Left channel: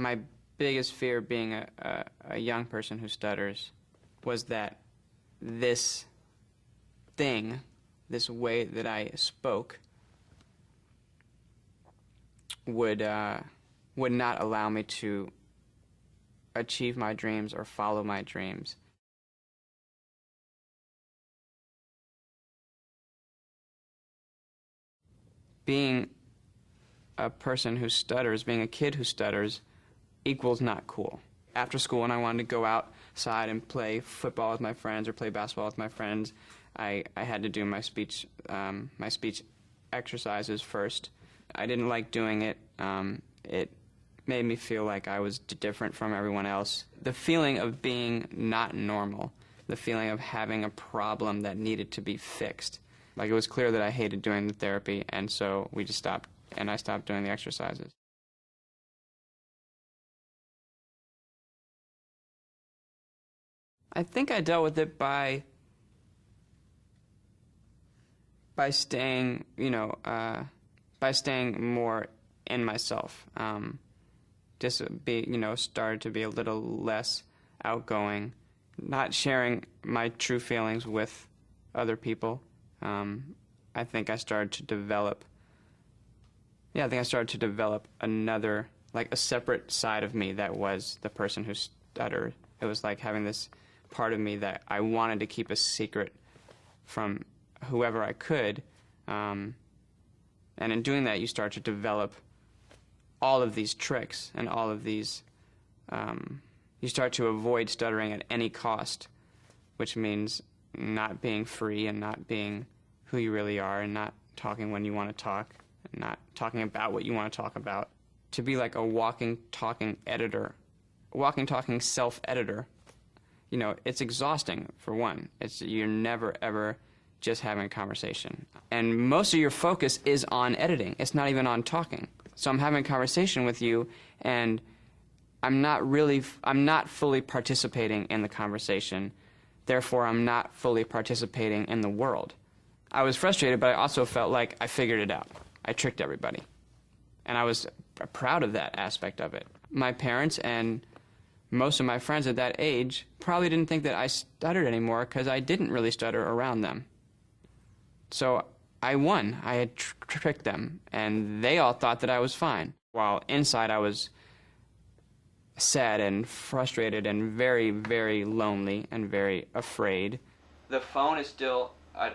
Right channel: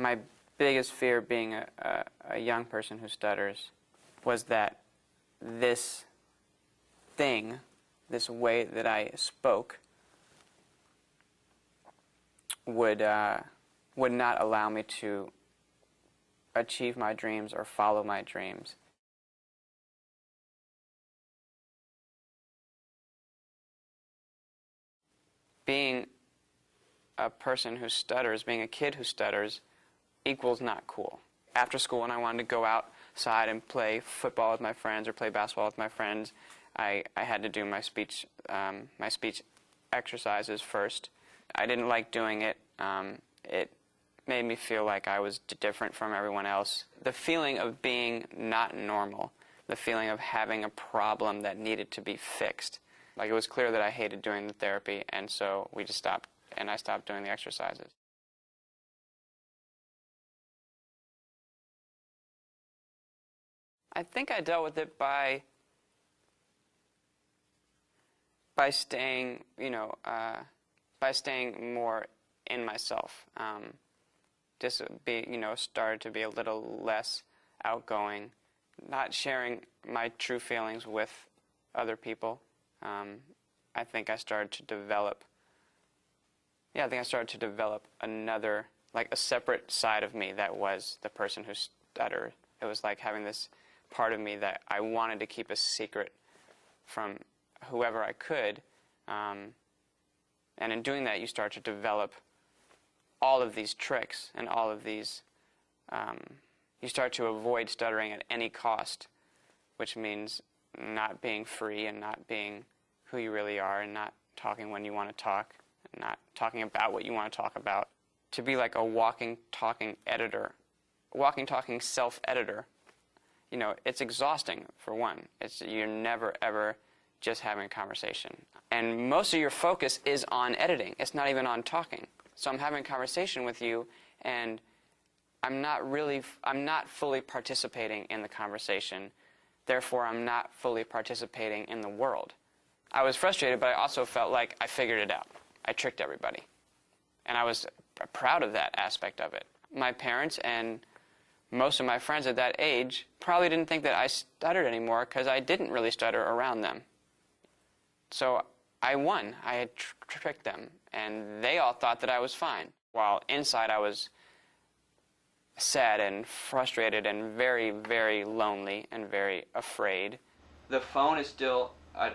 My biggest fear being a young person who stutters was that this thing, this way that I spoke, would not allow me to achieve my dreams or follow my dreams. Being a person who stutters, being a kid who stutters, equals not cool. After school, when I wanted to go outside and play football with my friends or play basketball with my friends, I had to do my speech exercises first. I didn't like doing it. It made me feel like I was different from everyone else. The feeling of being not normal, the feeling of having a problem that needed to be fixed. Like, it was clear that I hated doing the therapy, and so we just stopped, and I stopped doing the exercises. I think I dealt with it by staying, by staying more in myself. Just started to be a little less outgoing, not sharing my true feelings with other people. I think I started to develop, another, like a separate side of me that was the person who stuttered. It was like having this part of me that I wanted to keep a secret from whoever I could. And in doing that, you start to develop all of these tricks and all of these, you start to avoid stuttering at any cost, which means not being free and not being who you really are and not talking when you want to talk and not talking about what you want to talk about. To be like a walking, talking editor, walking, talking self-editor, it's exhausting, for one. You're never, ever just having a conversation. And most of your focus is on editing. It's not even on talking. So I'm having a conversation with you, and I'm not fully participating in the conversation. Therefore, I'm not fully participating in the world. I was frustrated, but I also felt like I figured it out. I tricked everybody. And I was proud of that aspect of it. My parents and most of my friends at that age probably didn't think that I stuttered anymore because I didn't really stutter around them. So I won. I had tricked them, and they all thought that I was fine. While inside I was sad and frustrated and very, very lonely and very afraid. The phone is still a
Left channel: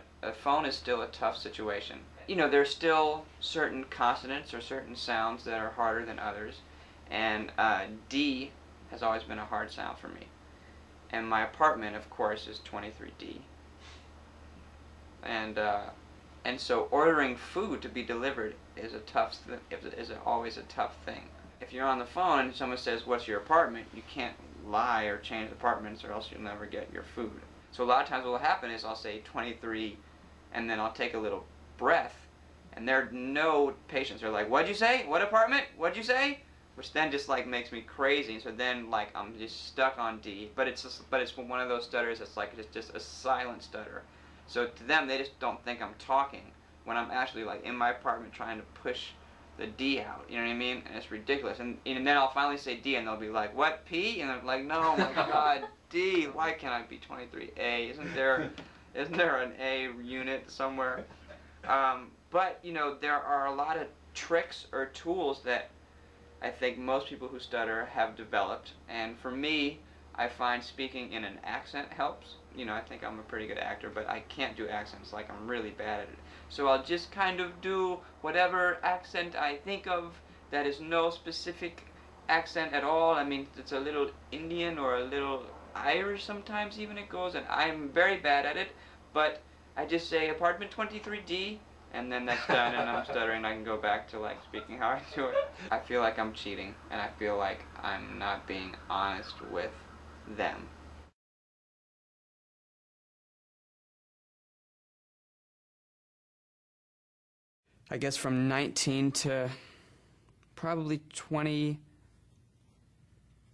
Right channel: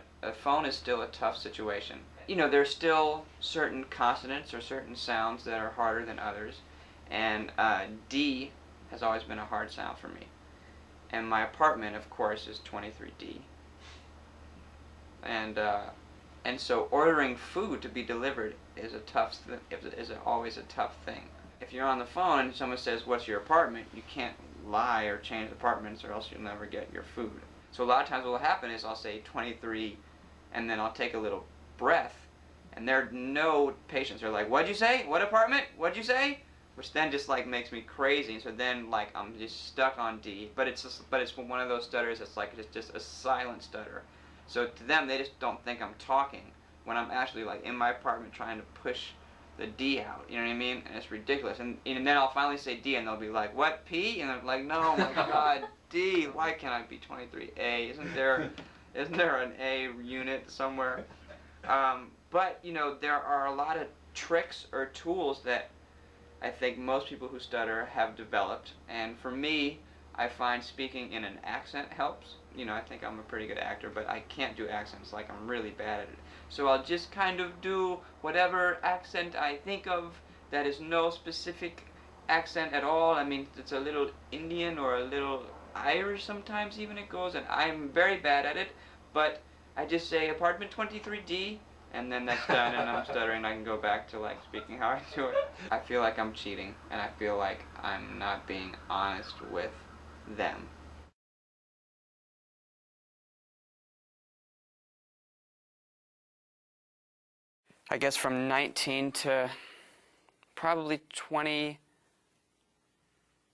tough situation. There's still certain consonants or certain sounds that are harder than others, and D has always been a hard sound for me. And my apartment, of course, is 23D. And so ordering food to be delivered is always a tough thing. If you're on the phone and someone says, "What's your apartment?" you can't lie or change apartments, or else you'll never get your food. So a lot of times what will happen is I'll say 23, and then I'll take a little breath, and there are no patients. They're like, "What'd you say? What apartment? What'd you say?" Which then just like makes me crazy. So then like I'm just stuck on D. But it's one of those stutters that's like it's just a silent stutter. So to them, they just don't think I'm talking when I'm actually like in my apartment trying to push the D out. You know what I mean? And it's ridiculous. And then I'll finally say D, and they'll be like, "What, P?" And I'm like, "No, my God, D. Why can't I be 23A? Isn't there an A unit somewhere?" But there are a lot of tricks or tools that I think most people who stutter have developed. And for me, I find speaking in an accent helps. I think I'm a pretty good actor, but I can't do accents. Like, I'm really bad at it. So I'll just kind of do whatever accent I think of that is no specific accent at all. I mean, it's a little Indian or a little Irish sometimes even it goes, and I'm very bad at it, but I just say apartment 23D, and then that's done, and I'm stuttering, and I can go back to like speaking how I do it. I feel like I'm cheating, and I feel like I'm not being honest with them. I guess from 19 to probably 20,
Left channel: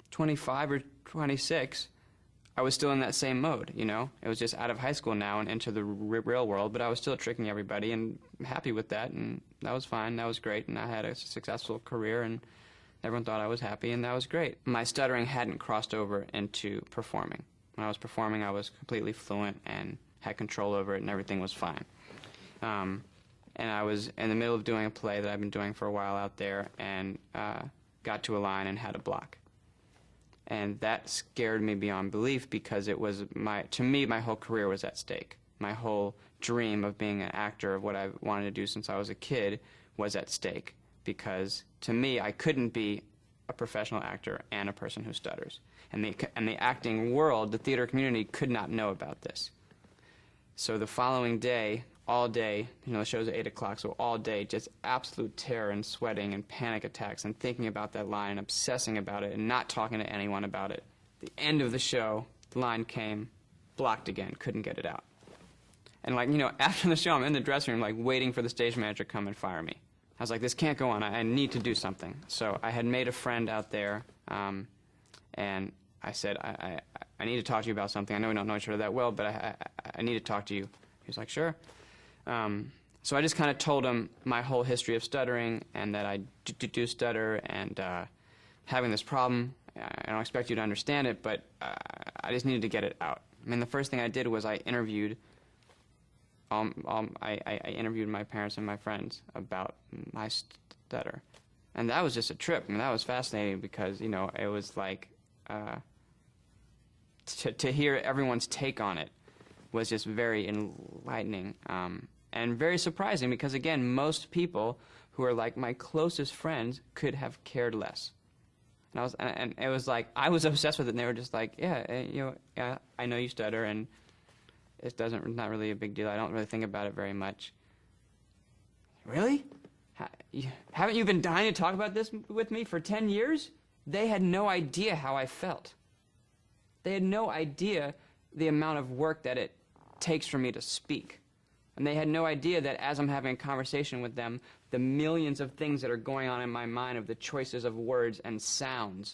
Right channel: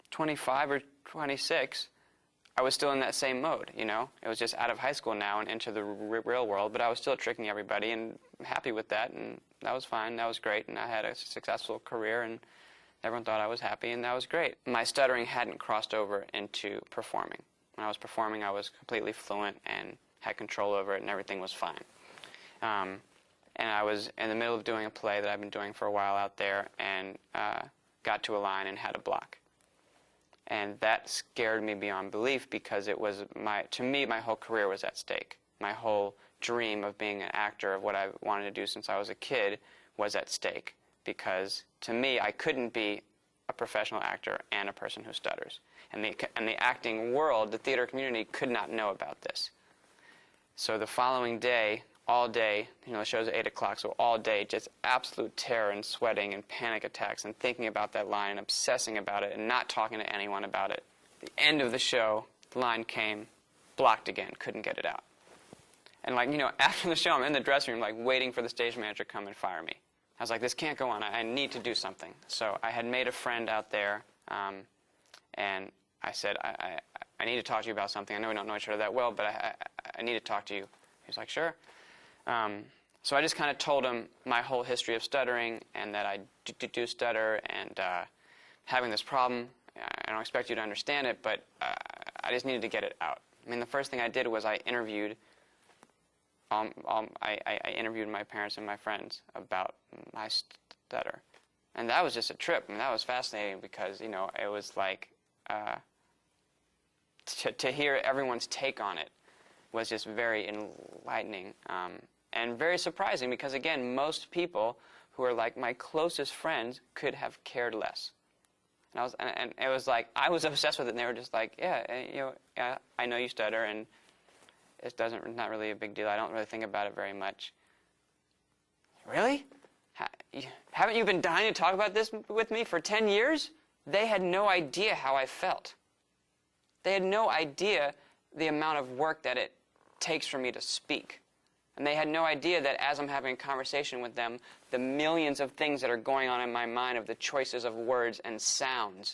25 or 26, I was still in that same mode, It was just out of high school now and into the real world, but I was still tricking everybody and happy with that, and that was fine, that was great, and I had a successful career, and Everyone thought I was happy, and that was great. My stuttering hadn't crossed over into performing. When I was performing, I was completely fluent and had control over it, and everything was fine. And I was in the middle of doing a play that I've been doing for a while out there, and got to a line and had a block. And that scared me beyond belief, because it was to me, my whole career was at stake. My whole dream of being an actor, of what I wanted to do since I was a kid, was at stake. Because to me, I couldn't be a professional actor and a person who stutters. And the acting world, the theater community, could not know about this. So the following day, all day, the show's at 8 o'clock, so all day, just absolute terror and sweating and panic attacks and thinking about that line and obsessing about it and not talking to anyone about it. At the end of the show, the line came, blocked again, couldn't get it out. And after the show, I'm in the dressing room, waiting for the stage manager to come and fire me. I was like, this can't go on, I need to do something. So I had made a friend out there, and I said, I need to talk to you about something. I know we don't know each other that well, but I need to talk to you. He was like, sure. So I just kind of told him my whole history of stuttering, and that I do stutter, and having this problem. I don't expect you to understand it, but I just needed to get it out. I mean, the first thing I did was I interviewed my parents and my friends about my stutter. And that was just a trip, and that was fascinating, because, it was like, to hear everyone's take on it was just very enlightening, and very surprising, because, again, most people who are like my closest friends could have cared less. And it was like, I was obsessed with it, and they were just like, yeah, yeah, I know you stutter, and it's not really a big deal. I don't really think about it very much. Really? Haven't you been dying to talk about this with me for 10 years? They had no idea how I felt. They had no idea the amount of work that it takes for me to speak. And they had no idea that as I'm having a conversation with them, the millions of things that are going on in my mind, of the choices of words and sounds